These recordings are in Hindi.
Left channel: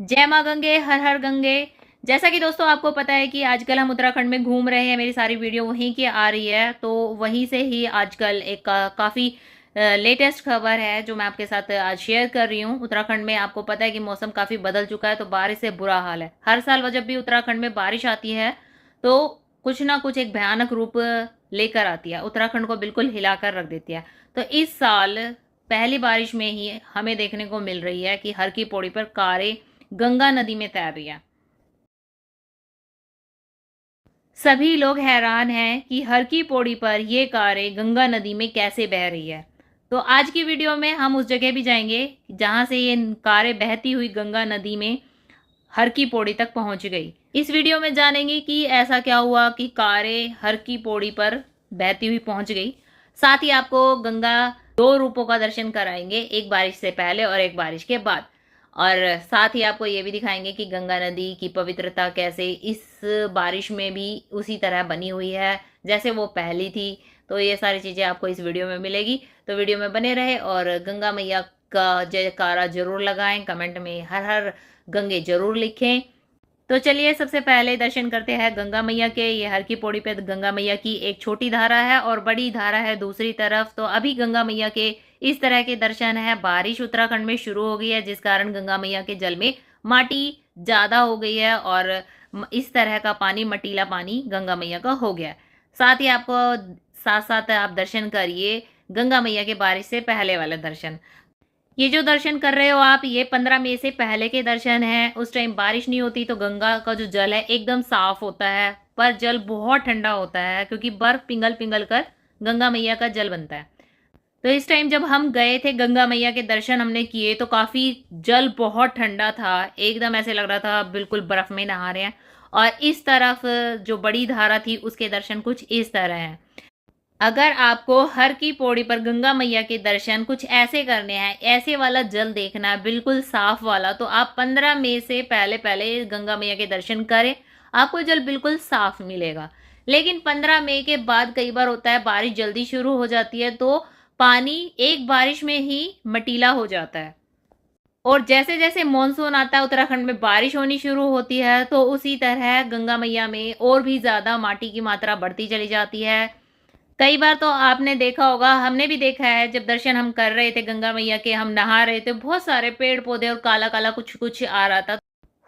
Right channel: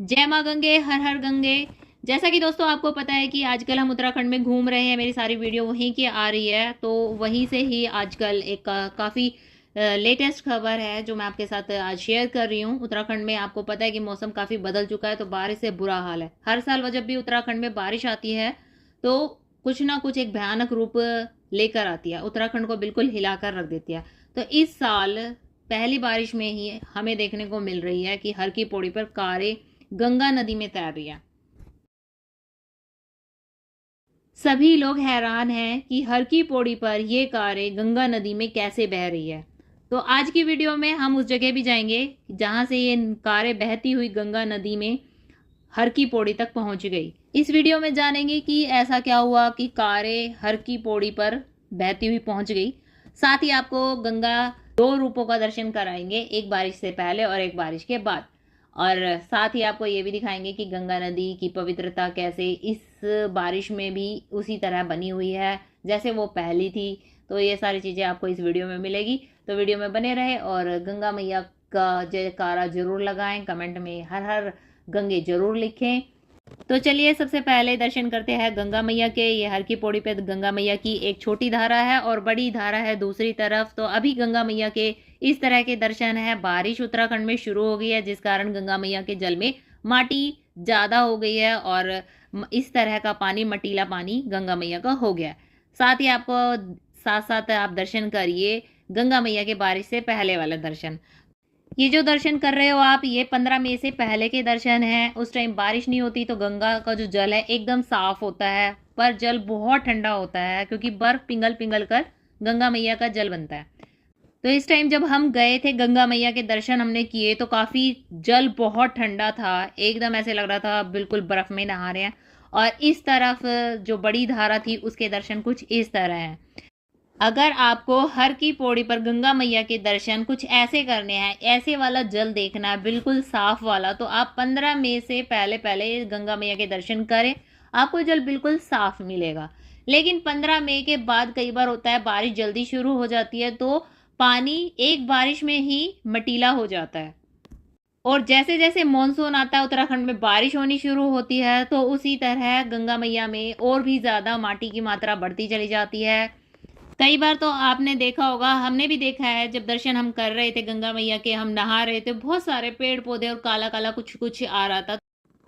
जय माँ गंगे, हर हर गंगे। जैसा कि दोस्तों आपको पता है कि आजकल हम उत्तराखंड में घूम रहे हैं, मेरी सारी वीडियो वहीं की आ रही है, तो वहीं से ही आजकल एक काफ़ी लेटेस्ट खबर है जो मैं आपके साथ आज शेयर कर रही हूँ। उत्तराखंड में आपको पता है कि मौसम काफ़ी बदल चुका है, तो बारिश से बुरा हाल है। हर साल जब भी उत्तराखंड में बारिश आती है तो कुछ ना कुछ एक भयानक रूप लेकर आती है, उत्तराखंड को बिल्कुल हिलाकर रख देती है। तो इस साल पहली बारिश में ही हमें देखने को मिल रही है कि हर की पौड़ी पर कारें गंगा नदी में तैर रही है। सभी लोग हैरान हैं कि हर की पौड़ी पर ये कारें गंगा नदी में कैसे बह रही है। तो आज की वीडियो में हम उस जगह भी जाएंगे जहां से ये कारें बहती हुई गंगा नदी में हर की पौड़ी तक पहुंच गई। इस वीडियो में जानेंगे कि ऐसा क्या हुआ कि कारें हर की पौड़ी पर बहती हुई पहुंच गई। साथ ही आपको गंगा दो रूपों का दर्शन कराएंगे, एक बारिश से पहले और एक बारिश के बाद। और साथ ही आपको ये भी दिखाएंगे कि गंगा नदी की पवित्रता कैसे इस बारिश में भी उसी तरह बनी हुई है जैसे वो पहली थी। तो ये सारी चीज़ें आपको इस वीडियो में मिलेगी, तो वीडियो में बने रहे और गंगा मैया का जयकारा जरूर लगाएं, कमेंट में हर हर गंगे जरूर लिखें। तो चलिए सबसे पहले दर्शन करते हैं गंगा मैया के। ये हर की पौड़ी पे गंगा मैया की एक छोटी धारा है और बड़ी धारा है दूसरी तरफ। तो अभी गंगा मैया के इस तरह के दर्शन है। बारिश उत्तराखंड में शुरू हो गई है जिस कारण गंगा मैया के जल में माटी ज्यादा हो गई है और इस तरह का पानी, मटीला पानी गंगा मैया का हो गया। साथ ही आपको साथ साथ आप दर्शन करिए गंगा मैया के बारिश से पहले वाले दर्शन। ये जो दर्शन कर रहे हो आप, ये 15 मई से पहले के दर्शन हैं। उस टाइम बारिश नहीं होती तो गंगा का जो जल है एकदम साफ होता है, पर जल बहुत ठंडा होता है क्योंकि बर्फ पिघल पिघल कर गंगा मैया का जल बनता है। तो इस टाइम जब हम गए थे गंगा मैया के दर्शन हमने किए तो काफी जल बहुत ठंडा था, एकदम ऐसे लग रहा था बिल्कुल बर्फ में नहा रहे हैं। और इस तरफ जो बड़ी धारा थी उसके दर्शन कुछ इस तरह हैं। अगर आपको हर की पौड़ी पर गंगा मैया के दर्शन कुछ ऐसे करने हैं, ऐसे वाला जल देखना है बिल्कुल साफ वाला, तो आप 15 मई से पहले पहले गंगा मैया के दर्शन करें, आपको जल बिल्कुल साफ मिलेगा। लेकिन 15 मई के बाद कई बार होता है बारिश जल्दी शुरू हो जाती है तो पानी एक बारिश में ही मटीला हो जाता है। और जैसे जैसे मानसून आता है उत्तराखंड में बारिश होनी शुरू होती है तो उसी तरह गंगा मैया में और भी ज्यादा माटी की मात्रा बढ़ती चली जाती है। कई बार तो आपने देखा होगा, हमने भी देखा है, जब दर्शन हम कर रहे थे गंगा मैया के, हम नहा रहे थे, बहुत सारे पेड़ पौधे और काला काला कुछ कुछ आ रहा था।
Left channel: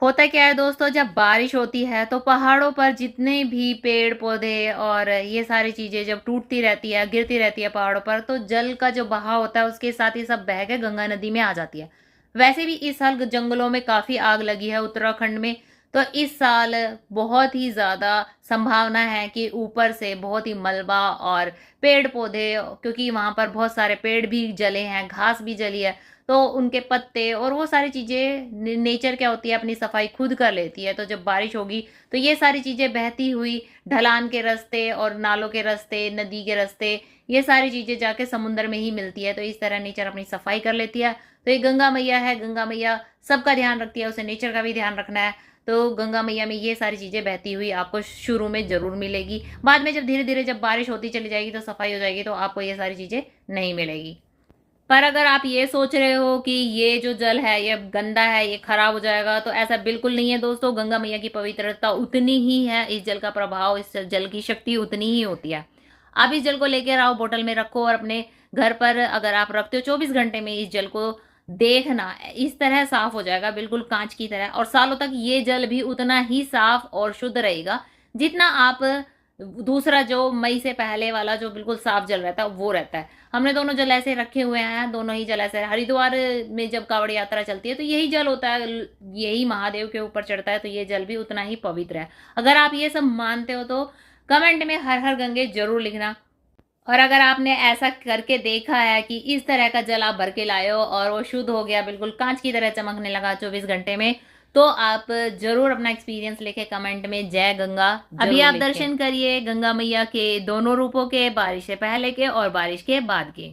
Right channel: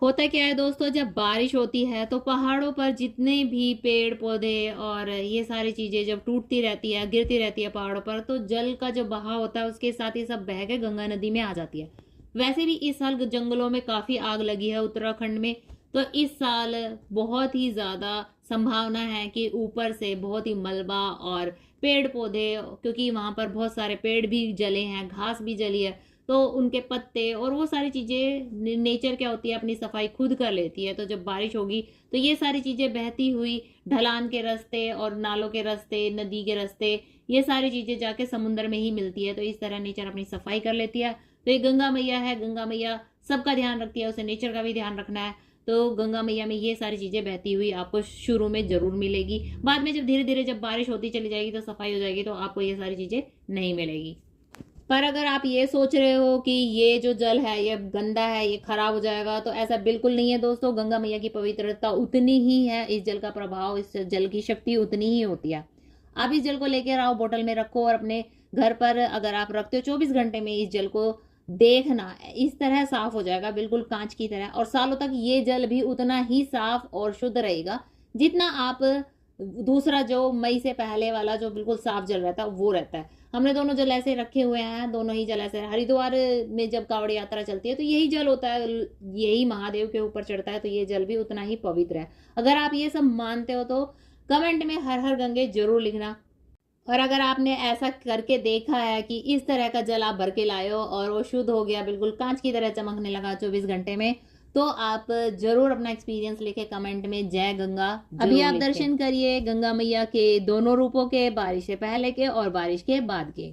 होता क्या है दोस्तों, जब बारिश होती है तो पहाड़ों पर जितने भी पेड़ पौधे और ये सारी चीजें जब टूटती रहती है, गिरती रहती है पहाड़ों पर, तो जल का जो बहाव होता है उसके साथ ही सब बह के गंगा नदी में आ जाती है। वैसे भी इस साल जंगलों में काफी आग लगी है उत्तराखंड में, तो इस साल बहुत ही ज्यादा संभावना है कि ऊपर से बहुत ही मलबा और पेड़ पौधे, क्योंकि वहां पर बहुत सारे पेड़ भी जले हैं, घास भी जली है, तो उनके पत्ते और वो सारी चीजें, नेचर क्या होती है अपनी सफाई खुद कर लेती है। तो जब बारिश होगी तो ये सारी चीजें बहती हुई ढलान के रास्ते और नालों के रास्ते, नदी के रास्ते, ये सारी चीजें जाके समुद्र में ही मिलती है। तो इस तरह नेचर अपनी सफाई कर लेती है। तो ये गंगा मैया है, गंगा मैया सबका ध्यान रखती है, उसे नेचर का भी ध्यान रखना है। तो गंगा मैया में ये सारी चीजें बहती हुई आपको शुरू में जरूर मिलेगी, बाद में जब धीरे धीरे जब बारिश होती चली जाएगी तो सफाई हो जाएगी तो आपको ये सारी चीजें नहीं मिलेगी। पर अगर आप ये सोच रहे हो कि ये जो जल है ये गंदा है, ये खराब हो जाएगा, तो ऐसा बिल्कुल नहीं है दोस्तों। गंगा मैया की पवित्रता उतनी ही है, इस जल का प्रभाव, इस जल की शक्ति उतनी ही होती है। आप इस जल को लेकर आओ, बोतल में रखो और अपने घर पर अगर आप रखते हो 24 घंटे में इस जल को देखना इस तरह साफ हो जाएगा बिल्कुल कांच की तरह, और सालों तक ये जल भी उतना ही साफ और शुद्ध रहेगा जितना आप दूसरा जो मई से पहले वाला जो बिल्कुल साफ जल रहता है वो रहता है। हमने दोनों जल ऐसे रखे हुए हैं, दोनों ही जल ऐसे। हरिद्वार में जब कांवड़ यात्रा चलती है तो यही जल होता है, यही महादेव के ऊपर चढ़ता है, तो ये जल भी उतना ही पवित्र है। अगर आप ये सब मानते हो तो कमेंट में हर हर गंगे जरूर लिखना। और अगर आपने ऐसा करके देखा है कि इस तरह का जल आप भर के लाए हो और वो शुद्ध हो गया, बिल्कुल कांच की तरह चमकने लगा 24 घंटे में, तो आप जरूर अपना एक्सपीरियंस लिखे कमेंट में जय गंगा। अभी आप दर्शन करिए गंगा मैया के दोनों रूपों के, बारिश से पहले के और बारिश के बाद के।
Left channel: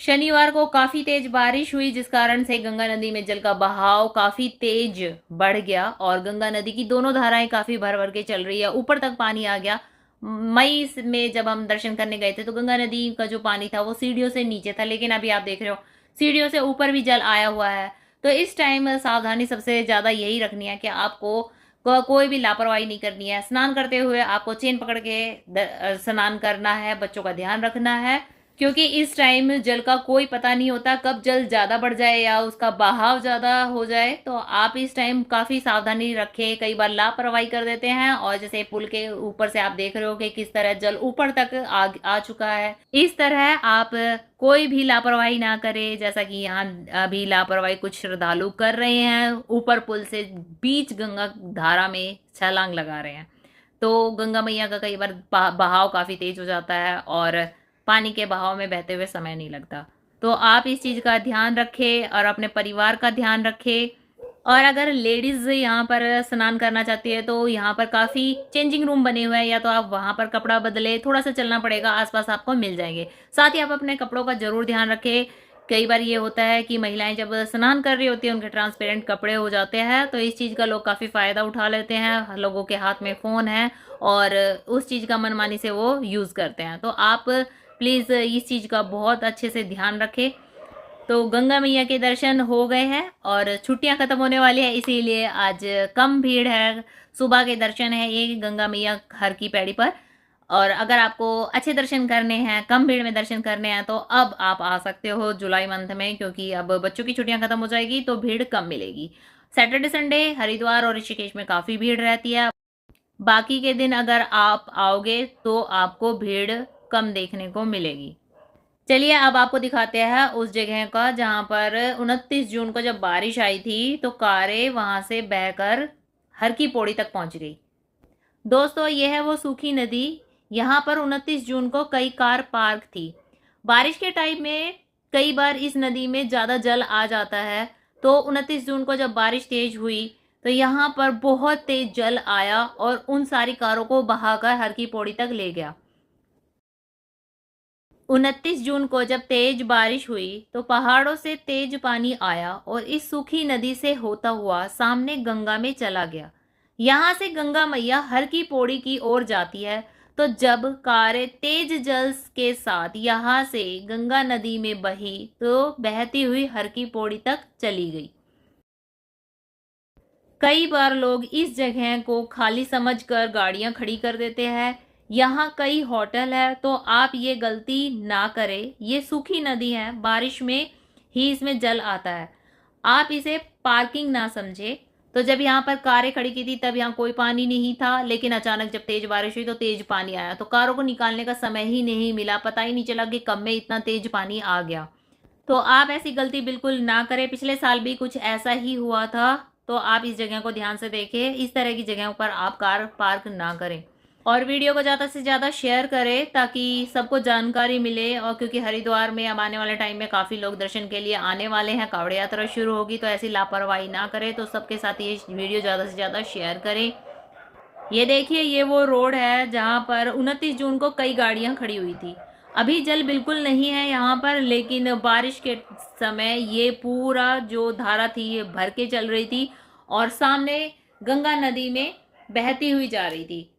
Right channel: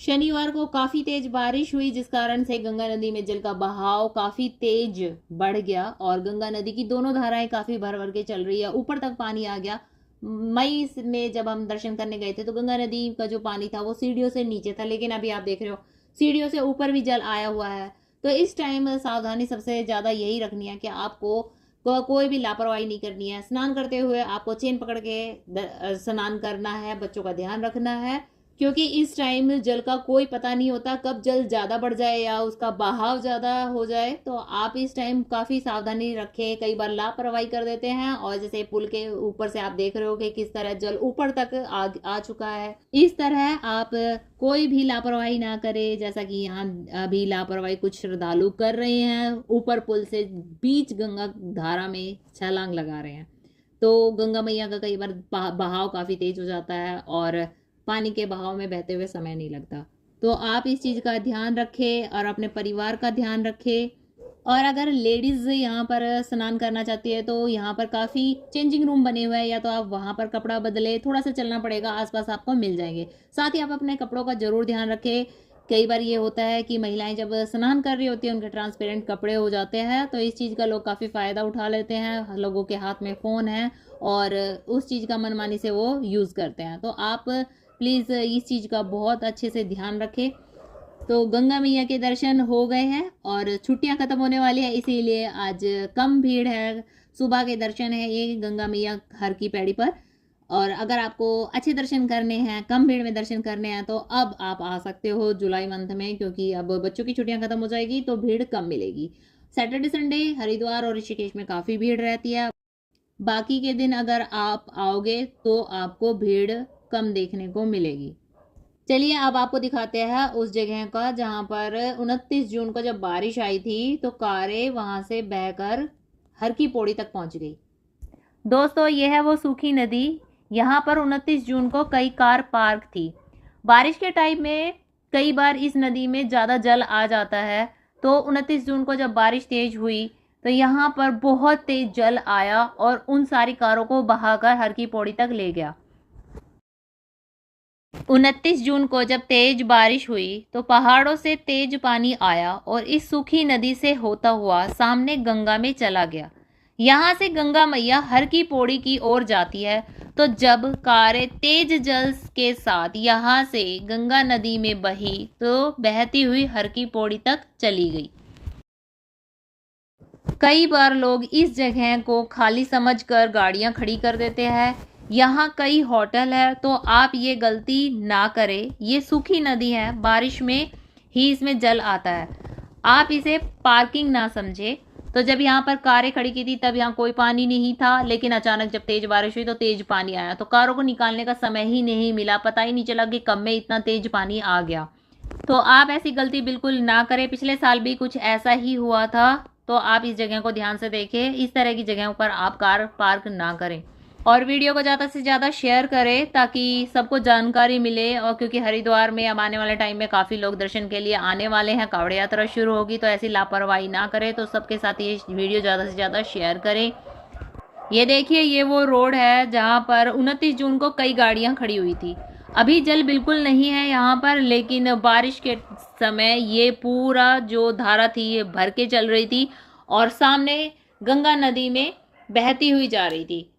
शनिवार को काफी तेज बारिश हुई जिस कारण से गंगा नदी में जल का बहाव काफी तेज बढ़ गया और गंगा नदी की दोनों धाराएं काफी भर भर के चल रही है, ऊपर तक पानी आ गया। मई में जब हम दर्शन करने गए थे तो गंगा नदी का जो पानी था वो सीढ़ियों से नीचे था, लेकिन अभी आप देख रहे हो सीढ़ियों से ऊपर भी जल आया हुआ है। तो इस टाइम सावधानी सबसे ज़्यादा यही रखनी है कि आपको कोई भी लापरवाही नहीं करनी है। स्नान करते हुए आपको चेन पकड़ के स्नान करना है, बच्चों का ध्यान रखना है, क्योंकि इस टाइम जल का कोई पता नहीं होता कब जल ज़्यादा बढ़ जाए या उसका बहाव ज़्यादा हो जाए। तो आप इस टाइम काफ़ी सावधानी रखें। कई बार लापरवाही कर देते हैं और जैसे पुल के ऊपर से आप देख रहे हो कि किस तरह जल ऊपर तक आ चुका है। इस तरह आप कोई भी लापरवाही ना करें, जैसा कि यहाँ अभी लापरवाही कुछ श्रद्धालु कर रहे हैं, ऊपर पुल से बीच गंगा धारा में छलांग लगा रहे हैं। तो गंगा मैया का कई बार बहाव काफ़ी तेज हो जाता है और पानी के बहाव में बहते हुए समय नहीं लगता। तो आप इस चीज़ का ध्यान रखें और अपने परिवार का ध्यान रखें। और अगर लेडीज़ यहाँ पर स्नान करना चाहती है तो यहाँ पर काफ़ी चेंजिंग रूम बने हुए हैं, या तो आप वहाँ पर कपड़ा बदले, थोड़ा सा चलना पड़ेगा, आसपास आपको मिल जाएंगे। साथ ही आप अपने कपड़ों का ज़रूर ध्यान रखें। कई बार ये होता है कि महिलाएं जब स्नान कर रही होती हैं उनके ट्रांसपेरेंट कपड़े हो जाते हैं, तो इस चीज़ का लोग काफ़ी फ़ायदा उठा लेते हैं। लोगों के हाथ में फ़ोन है और उस चीज़ का मनमानी से वो यूज़ करते हैं। तो आप प्लीज़ इस चीज़ का बहुत अच्छे से ध्यान रखें। तो गंगा मैया के दर्शन हो गए हैं और छुट्टियां ख़त्म होने वाली है, इसीलिए आज कम भीड़ है। सुबह के दर्शन है ये गंगा मैया हर की पैड़ी पर। और अगर आपको अच्छे दर्शन करने हैं, कम भीड़ में दर्शन करने हैं, तो अब आप आ सकते हो जुलाई मंथ में, क्योंकि अब बच्चों की छुट्टियां ख़त्म हो जाएगी तो भीड़ कम मिलेगी। सैटरडे संडे हरिद्वार और ऋषिकेश में काफ़ी भीड़ रहती है। बाकी के दिन अगर आप आओगे तो आपको भीड़ कम देखने को मिलेगी। चलिए अब आपको दिखाते हैं उस जगह का जहां पर 29 जून को जब बारिश आई थी तो कारें वहां से बहकर हर की पौड़ी तक पहुंच गई। दोस्तों ये है वो सूखी नदी। यहाँ पर 29 जून को कई कार पार्क थी। बारिश के टाइम में कई बार इस नदी में ज़्यादा जल आ जाता है, तो 29 जून को जब बारिश तेज हुई तो यहाँ पर बहुत तेज जल आया और उन सारी कारों को बहाकर हर की पौड़ी तक ले गया। 29 जून को जब तेज बारिश हुई तो पहाड़ों से तेज पानी आया और इस सूखी नदी से होता हुआ सामने गंगा में चला गया। यहाँ से गंगा मैया हर की पौड़ी की ओर जाती है। तो जब कारें तेज जल के साथ यहाँ से गंगा नदी में बही तो बहती हुई हर की पौड़ी तक चली गई। कई बार लोग इस जगह को खाली समझकर गाड़ियां खड़ी कर देते हैं। यहाँ कई होटल है, तो आप ये गलती ना करें। ये सूखी नदी है, बारिश में ही इसमें जल आता है। आप इसे पार्किंग ना समझे। तो जब यहाँ पर कारें खड़ी की थी तब यहाँ कोई पानी नहीं था, लेकिन अचानक जब तेज बारिश हुई तो तेज पानी आया, तो कारों को निकालने का समय ही नहीं मिला। पता ही नहीं चला कि कब में इतना तेज पानी आ गया। तो आप ऐसी गलती बिल्कुल ना करें। पिछले साल भी कुछ ऐसा ही हुआ था, तो आप इस जगह को ध्यान से देखें। इस तरह की जगहों पर आप कार पार्क ना करें और वीडियो को ज़्यादा से ज़्यादा शेयर करें ताकि सबको जानकारी मिले। और क्योंकि हरिद्वार में अब आने वाले टाइम में काफ़ी लोग दर्शन के लिए आने वाले हैं, कावड़ यात्रा शुरू होगी, तो ऐसी लापरवाही ना करें। तो सबके साथ ये वीडियो ज़्यादा से ज़्यादा शेयर करें। ये देखिए, ये वो रोड है जहाँ पर 29 जून को कई गाड़ियाँ खड़ी हुई थी। अभी जल बिल्कुल नहीं है यहाँ पर, लेकिन बारिश के समय ये पूरा जो धारा थी ये भर के चल रही थी और सामने गंगा नदी में बहती हुई जा रही थी।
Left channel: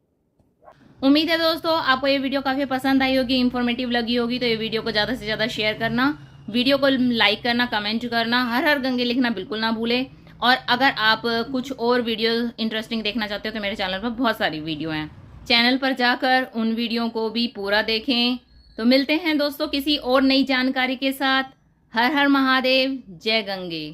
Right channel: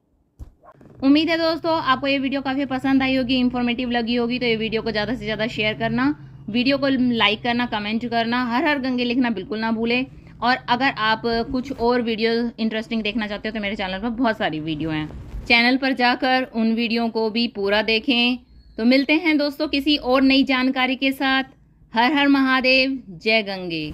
उम्मीद है दोस्तों आपको ये वीडियो काफ़ी पसंद आई होगी, इन्फॉर्मेटिव लगी होगी। तो ये वीडियो को ज़्यादा से ज़्यादा शेयर करना, वीडियो को लाइक करना, कमेंट करना, हर हर गंगे लिखना बिल्कुल ना भूलें। और अगर आप कुछ और वीडियो इंटरेस्टिंग देखना चाहते हो तो मेरे चैनल पर बहुत सारी वीडियो हैं, चैनल पर जाकर उन वीडियो को भी पूरा देखें। तो मिलते हैं दोस्तों किसी और नई जानकारी के साथ। हर हर महादेव, जय गंगे।